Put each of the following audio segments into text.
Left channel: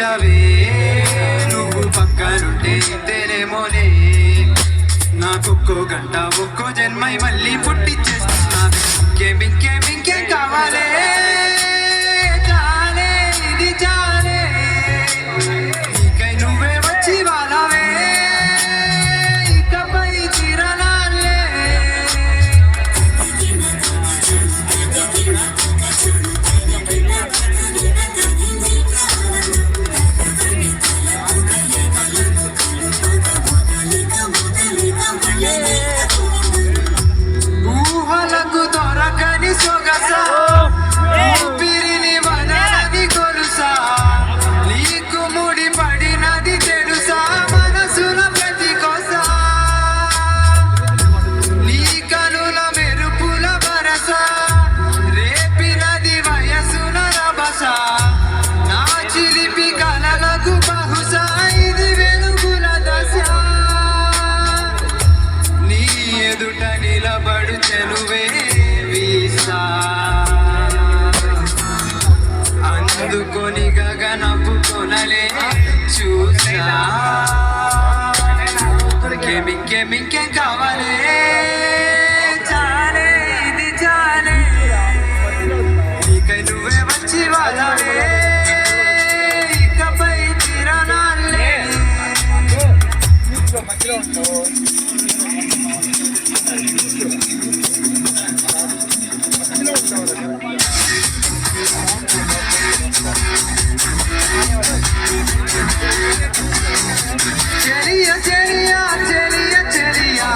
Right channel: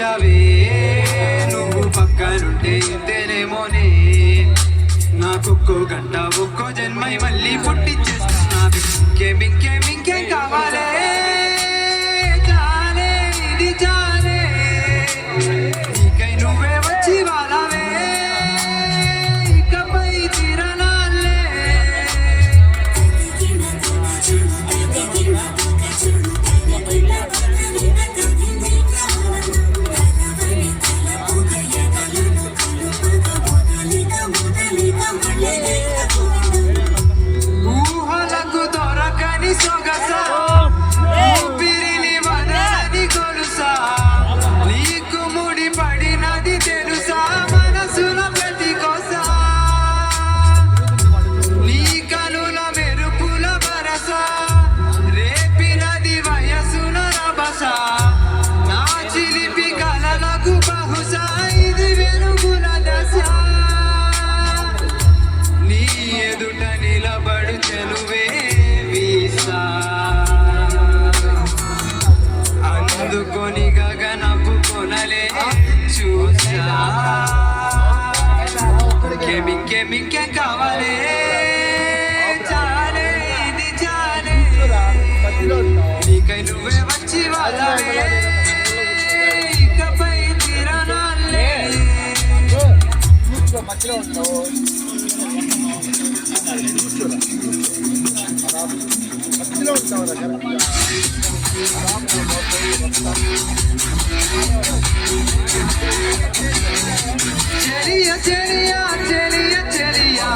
మార్చావే నువ్వు పక్కనుంటే ఇంతేనేమోనే నాకొక్కో గంట ఒక్కో జన్మై మళ్ళీ పుట్టించేస్తున్నావే ఇంకేం కావాలే చాలే ఇది చాలే నీకై నువ్వే వచ్చి వాళ్ళవే ఇకపై చిరనాలే ఊహలకు దొరకని సొగస ఊపిరిని వదలని కొలుసా నీకు ముడి పడినది తెలుసా మనసుల ప్రతి కొస నీ కనుల మెరుపుల వరస రేపినది వయసున రభస నా చిలిపి కలలకు బహుశా ఇది వెలుగుల దశ నీ ఎదుట నిలబడు చెలువే వీసా అందుకొని గగనపు కొనలే చూసా ఇంకేం కావాలే చాలే ఇది చాలే నీకై నువ్వే వచ్చి వాళ్ళవే ఇకపై తిరణాలే చెలియా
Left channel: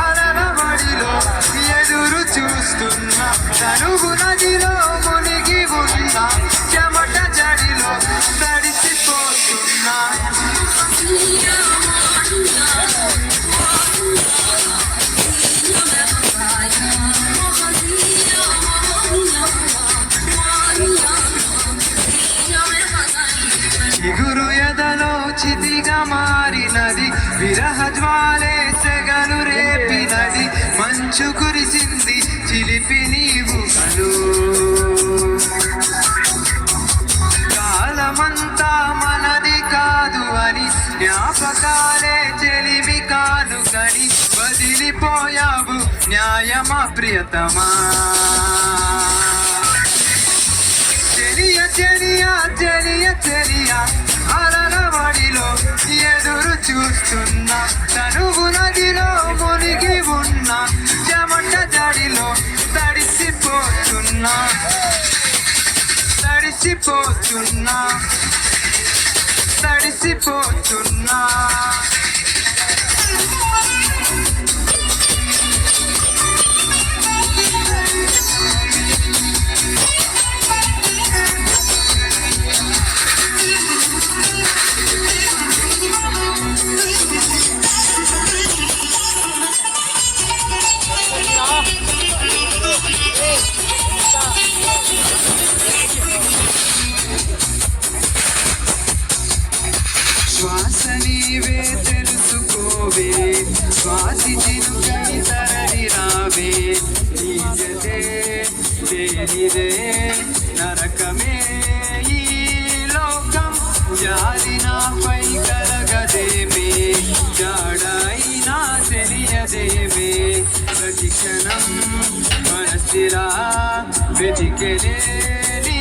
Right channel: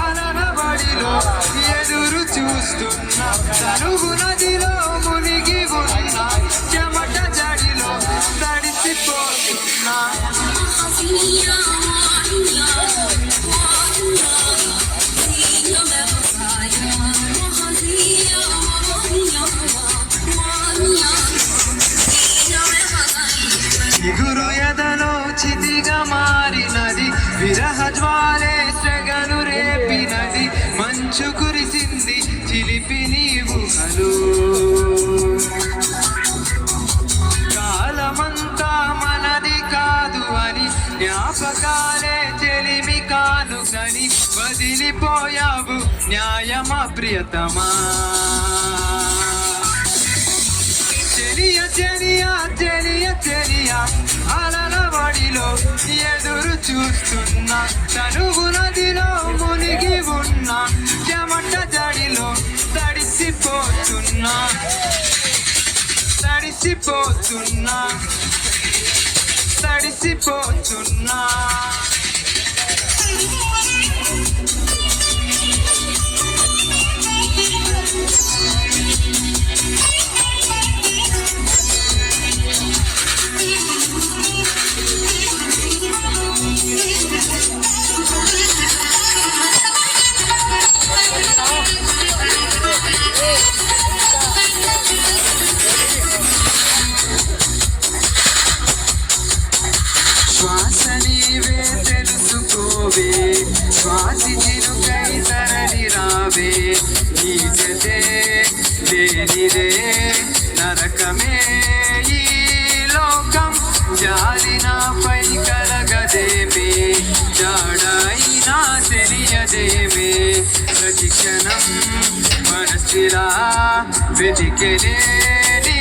అలనబడిలో ఎదురు చూస్తున్నా తనువు నదిలో మునిగి ఉన్నా చెమట జడిలో తడిసిపోతున్నా చిగురు ఎదలో చితిగా మారినది విరహ జ్వాలే సెగలు రేపినది మంచు కురిసింది చిలిపి నీవు కలు కాలమంతా మనది కాదు అని జ్ఞాపకాలే చెలిమి కాను కని వదిలిపోయావు న్యాయమా ప్రియతమా చెలియా అలలవడిలో ఎదురు చూస్తున్నా తనువు నదిలో మునిగి ఉన్నా చెమట జడిలో తడిసిపోతున్నా శ్వాస నీవే తెలుసుకోవే శ్వాసి చిరుకై తరలి రావే నీ జతే లేనిదే నరకమే ఈ లోకం జాలినాపై కలగదేమే జాడైనా తెలియదేమే ప్రతి క్షణం మనసిలా వెతికెలే నీ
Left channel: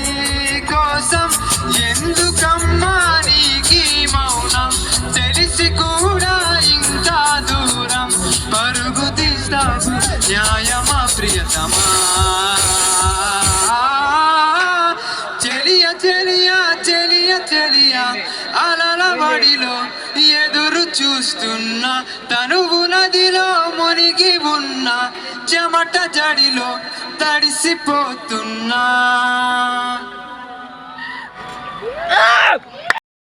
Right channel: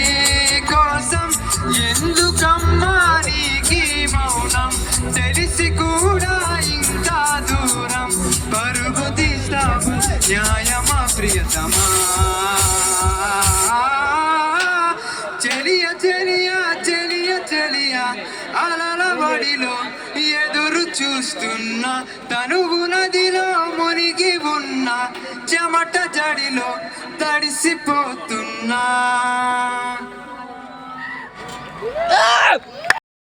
కోసం ఎందుకమ్మా నీకీ మౌనం తెలిసి కూడా ఇంకా దూరం పరుగు తీస్తావు న్యాయమా ప్రియతమా చెలియా అలలబడిలో ఎదురు చూస్తున్నా తనువు నదిలో మునిగి ఉన్నా చెమట జడిలో తడిసిపోతున్నా